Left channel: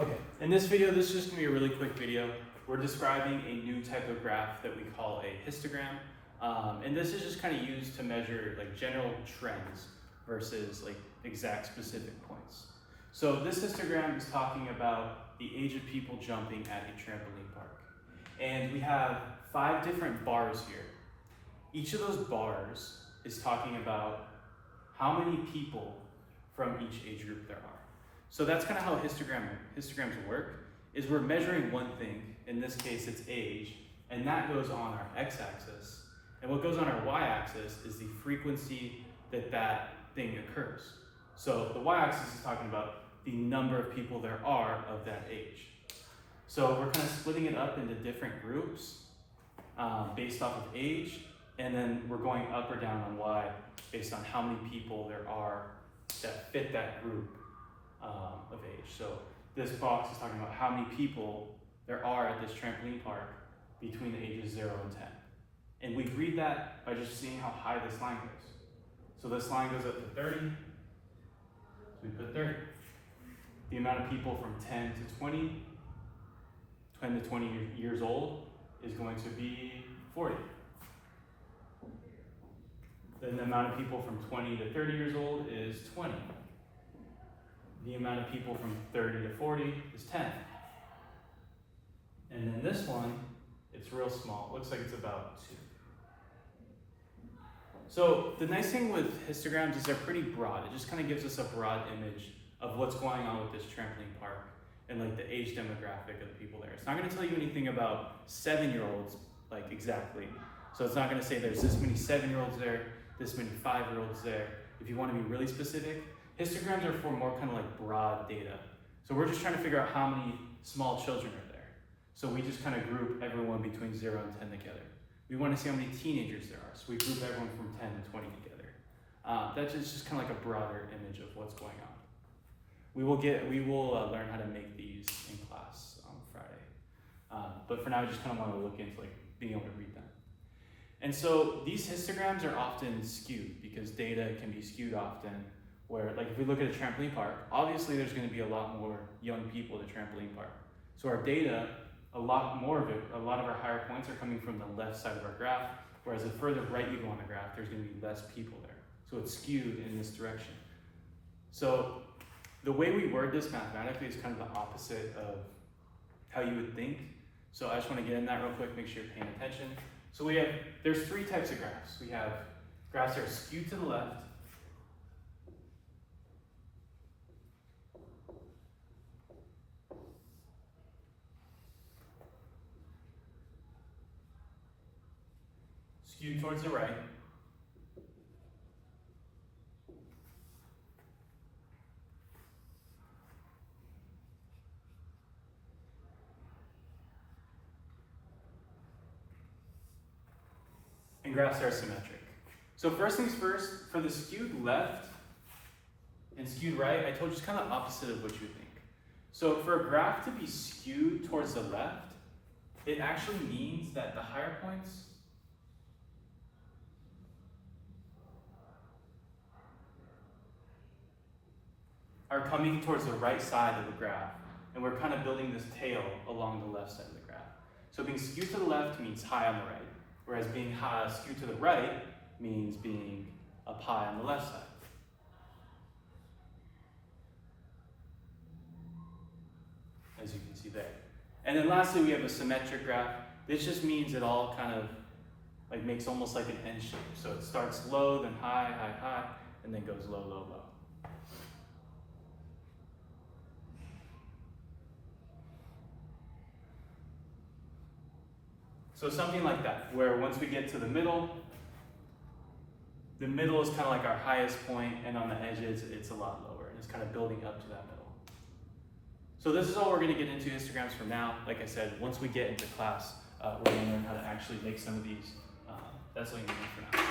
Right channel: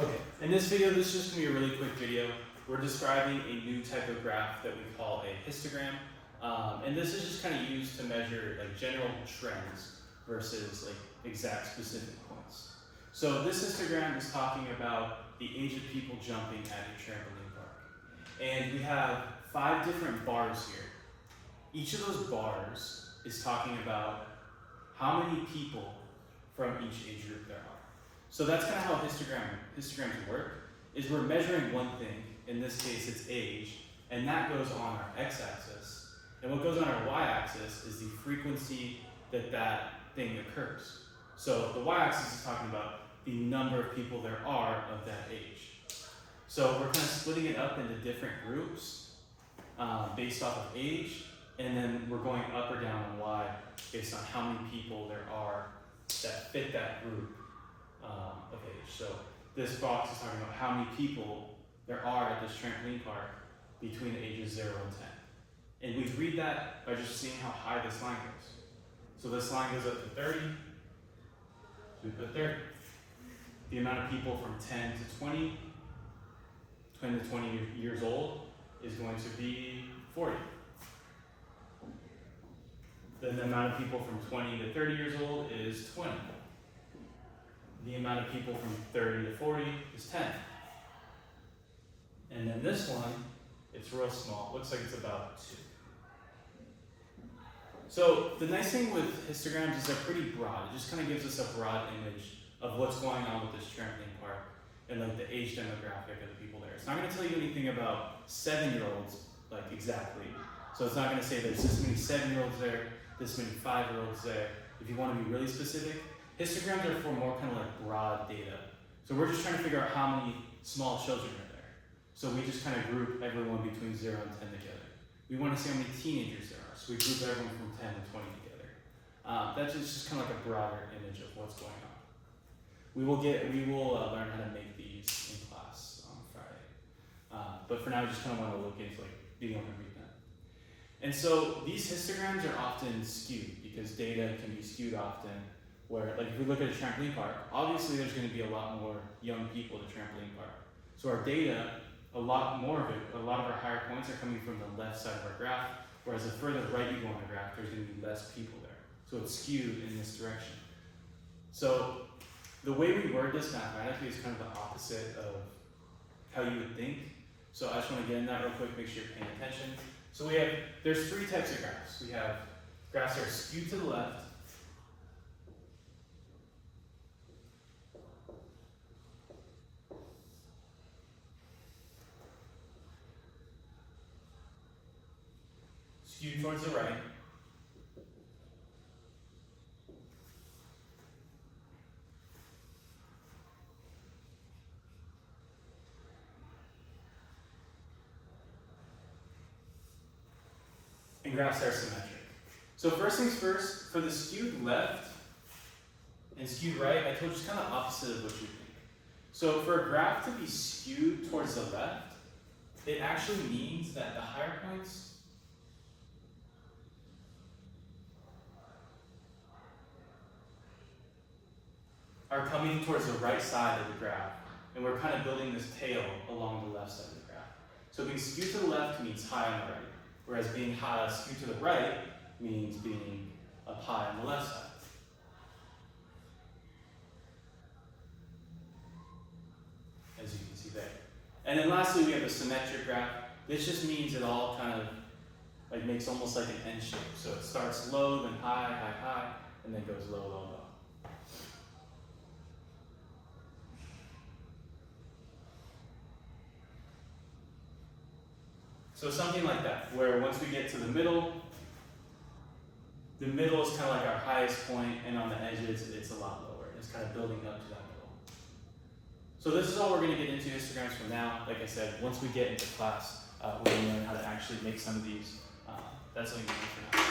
Okay, in this video, this is just gonna be a really quick video. We're describing a new type of graph that we call a histogram. And this is just kind of used to measure like general trends versus like exact specific points. So this histogram is talking about the age of people jumping at a trampoline park. And we have 5 different bars here. Each of those bars is talking about how many people from each age group there are. So that's kind of how histograms work, is we're measuring one thing, in this case it's age, and that goes on our x-axis. And what goes on our y-axis is the frequency that that thing occurs. So the y-axis is talking about the number of people there are of that age. So we're kind of splitting it up into different groups based off of age, and then we're going up or down on y based on how many people there are that fit that group of age. So this box is talking about how many people there are at this trampoline park between the ages 0 and 10. And we read that by just seeing how high this line goes. So this line goes up to 30, so we put 30. The amount of people from 10 to 20 years old is going to be 40. Then the amount of people from 20 to 30 years old is 20. The amount of people from 30 to 40 is 10. And then this one, it's real small. It looks like it's about 2. So the nice thing with histograms is they're pretty broad. It just kind of gives us a broad image of what's going on with this trampoline park and like the age demographic of the people there. It's not going to tell you anything about 7-year-olds, like exactly. So it's not going to say there's this many 7-year-olds there, this many 5-year-olds there. If you want to be really specific, histograms are for more kind of like broad data. So we're just trying to figure out how many small children are there. So we just kind of group everyone between 0 and 10 together. We want to see how many teenagers there are. So we group everyone from 10 to 20 together. That's just kind of like a broader image of what's going on. We will learn how to make these in class on Friday. But for now, we just kind of want to look into like being able to read them. And so these histograms are often skewed because data can be skewed often. Where, like, if we look at a trampoline park, obviously there's going to be a lot more young people at a trampoline park. So our data, a lot of our higher points are coming from the left side of our graph, whereas the further right you go on the graph, there's going to be less people there. So it's skewed in this direction. So the way we word this mathematically is kind of the opposite of how you would think. So I just want to get in that real quick, make sure you're paying attention. So there's 3 types of graphs. We have graphs that are skewed to the left, skewed towards the right, and graphs are symmetric. So first things first, for the skewed left and skewed right, I told you it's kind of opposite of what you think. So for a graph to be skewed towards the left, it actually means that the higher points are coming towards the right side of the graph, and we're kind of building this tail along the left side of the graph. So being skewed to the left means high on the right, whereas being skewed to the right means being up high on the left side. As you can see there. And then lastly, we have a symmetric graph. This just means it all kind of like makes almost like an N shape. So it starts low, then high, high, high, and then goes low, low, low. So something like that, where once we get to the middle is kind of like our highest point, and on the edges, it's a lot lower. It's kind of building up to that middle. So this is all we're going to get into histograms for now. Like I said, once we get into class, we're going to learn how to actually make some of these. That's all you need for now.